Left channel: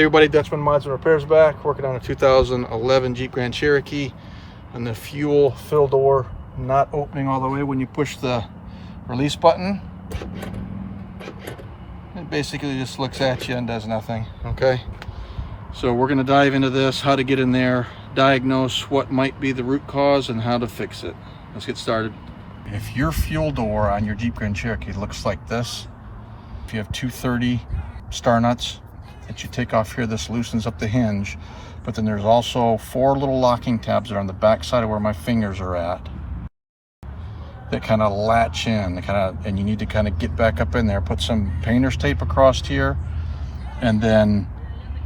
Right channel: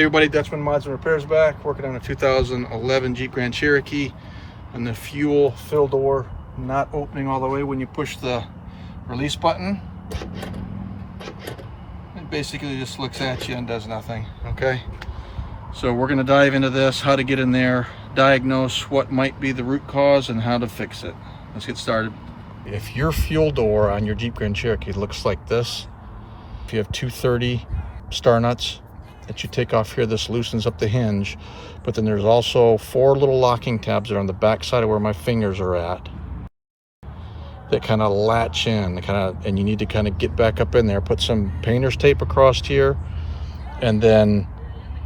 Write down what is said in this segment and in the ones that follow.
Hey everybody, Dutchman Mods and Repairs back, working on a 2011 Jeep Grand Cherokee, and the fuel fill door not opening all the way when you push the release button. It basically just looks at you and does nothing. Okay, so we're going to dive into this, how to get in there, diagnose what might be the root cause, and how to fix it. Let's get started. If your fuel door on your Jeep Grand Cherokee looks like this, if you have 230 star nuts that you take off here, this loosens up the hinge, but then there's also 4 little locking tabs that are on the back side of where my fingers are at that kind of latch in, and you need to kind of get back up in there, put some painter's tape across here, and then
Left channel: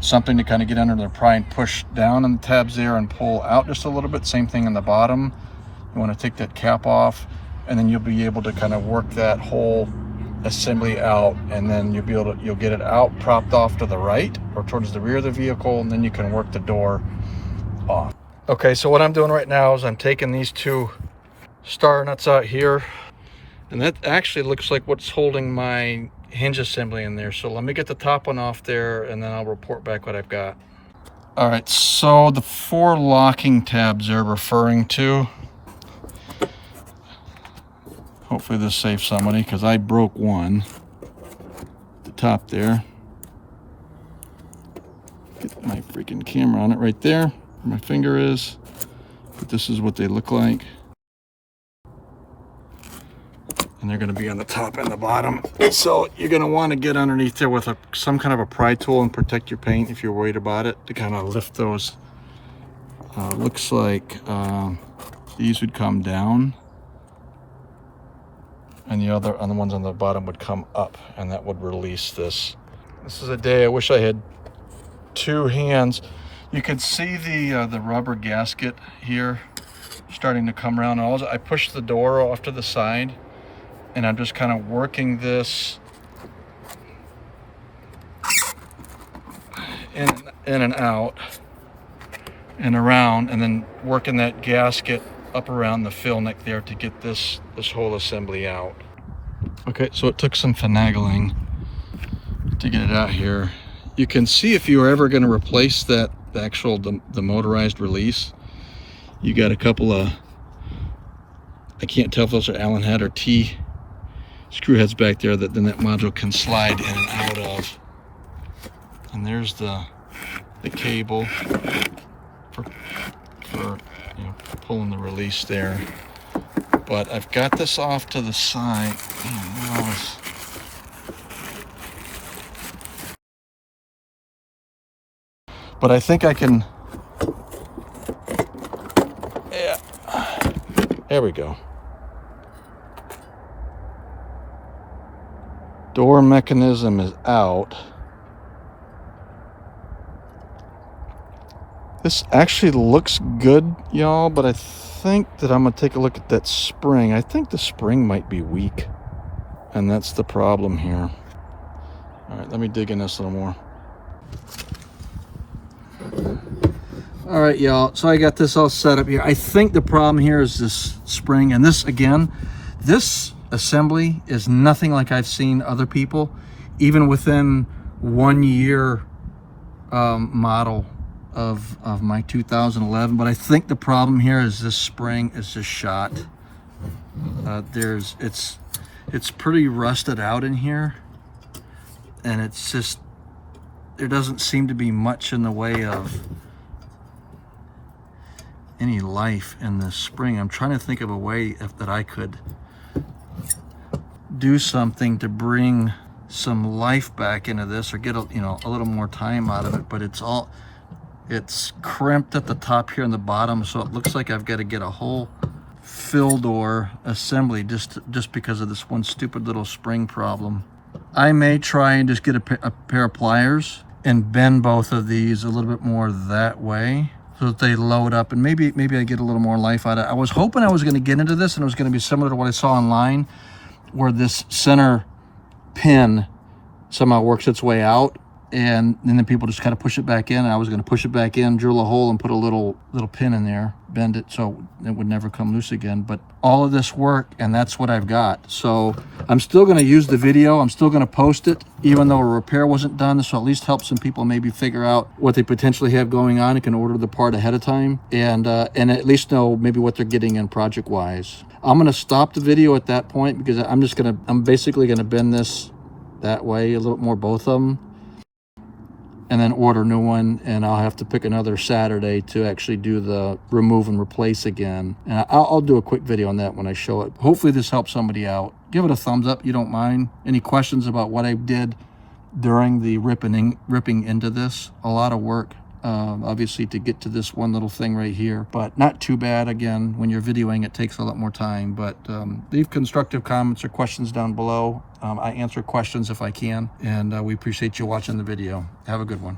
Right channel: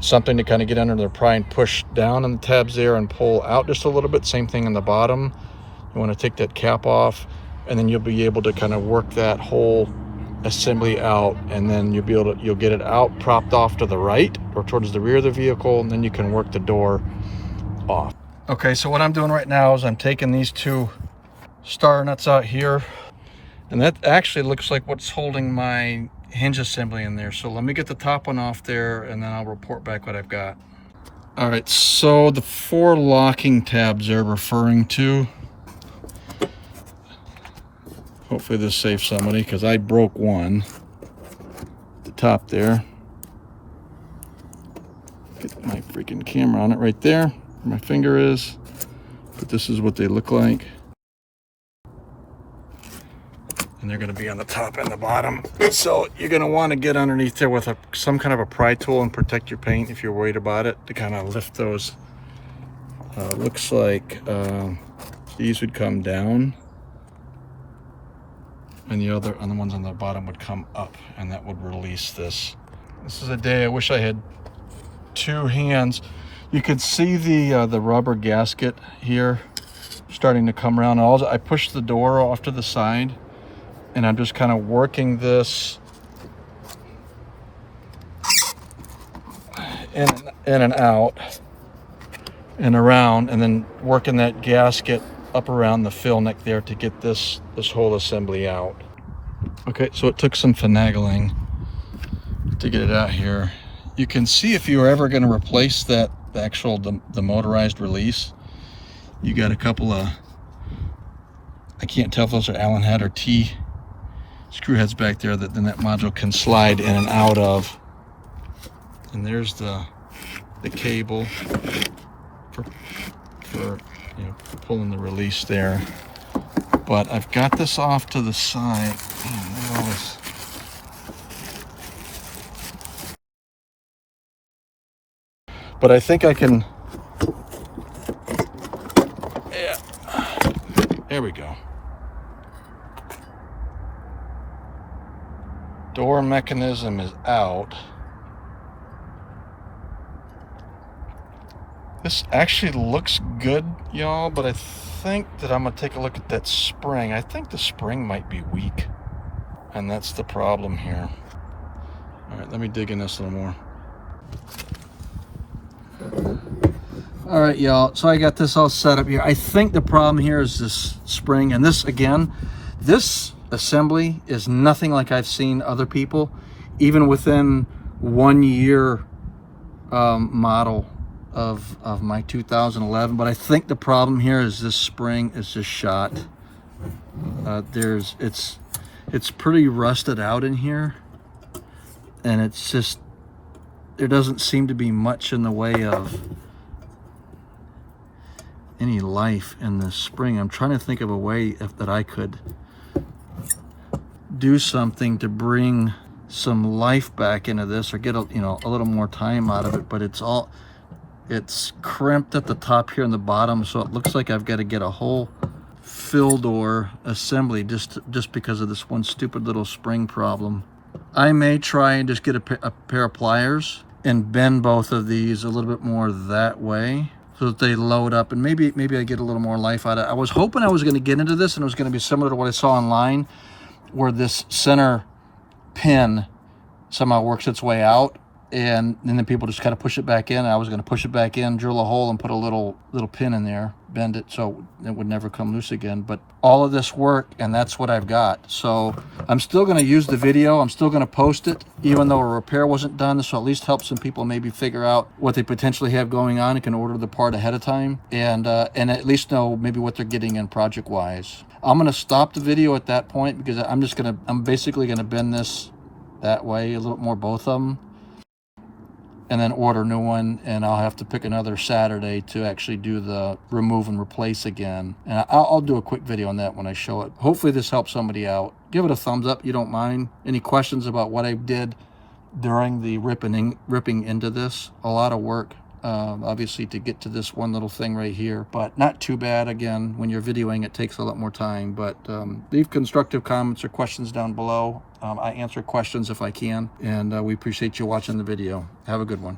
something to kind of get under there, pry and push down on the tabs there and pull out just a little bit. Same thing on the bottom. You want to take that cap off, and then you'll be able to kind of work that whole assembly out, and then you'll get it out propped off to the right or towards the rear of the vehicle, and then you can work the door off. Okay, so what I'm doing right now is I'm taking these 2 star nuts out here, and that actually looks like what's holding my hinge assembly in there. So let me get the top one off there, and then I'll report back what I've got. All right, so the 4 locking tabs they're referring to, hopefully this saves somebody, because I broke one at the top there. Get my freaking camera on it right there where my finger is, but this is what they look like, and they're going to be on the top and the bottom. So you're going to want to get underneath there with some kind of a pry tool and protect your paint if you're worried about it, to kind of lift those. Looks like these would come down, and the ones on the bottom would come up, and that would release this. This is a day I wish I had 2 hands. You can see the rubber gasket here starting to come around. I pushed the door off to the side, and I'm just kind of working this in and out and around, and then working that gasket up around the fill neck there to get this whole assembly out. Okay, so it took some finagling to get it out here. You can see if you were ever going to replace the motorized release, you got a couple of, I can't tell if those are Allen head or T screw heads back there that then that module can slide in and out of. And there's the cable for pulling the release there. But I've got this off to the side. But I think I can, yeah, there we go. Door mechanism is out. This actually looks good, y'all, but I think that I'm gonna take a look at that spring. I think the spring might be weak, and that's the problem here. All right, let me dig in this a little more. All right, y'all, so I got this all set up here. I think the problem here is this spring, and this, again, this assembly is nothing like I've seen other people, even within 1 year model of my 2011. But I think the problem here is this spring is just shot. It's pretty rusted out in here, and it's just, there doesn't seem to be much in the way of any life in the spring. I'm trying to think of a way that I could do something to bring some life back into this, or get a little more time out of it. But it's crimped at the top here and the bottom, so it looks like I've got to get a whole fill door assembly just because of this one stupid little spring problem. I may try and just get a pair of pliers and bend both of these a little bit more that way, so that they load up, and maybe I get a little more life out of it. I was hoping I was going to get into this and it was going to be similar to what I saw online, where this center pin somehow works its way out and then people just kind of push it back in. I was going to push it back in, drill a hole, and put a little pin in there, bend it so it would never come loose again. But all of this work, and that's what I've got. So I'm still going to use the video. I'm still going to post it, even though a repair wasn't done. So at least help some people maybe figure out what they potentially have going on and can order the part ahead of time, and at least know maybe what they're getting in project wise. I'm going to stop the video at that point because I'm basically going to bend this that way a little more, both of them, and then order a new one, and I'll have to pick another Saturday to actually do the remove and replace again. And I'll do a quick video on that when I show it. Hopefully this helps somebody out. Give it a thumbs up, you don't mind. Any questions about what I did during the ripping into this? A lot of work, obviously, to get to this one little thing right here, but not too bad. Again, when you're videoing, it takes a lot more time. But leave constructive comments or questions down below. I answer questions if I can, and we appreciate you watching the video. Have a good one.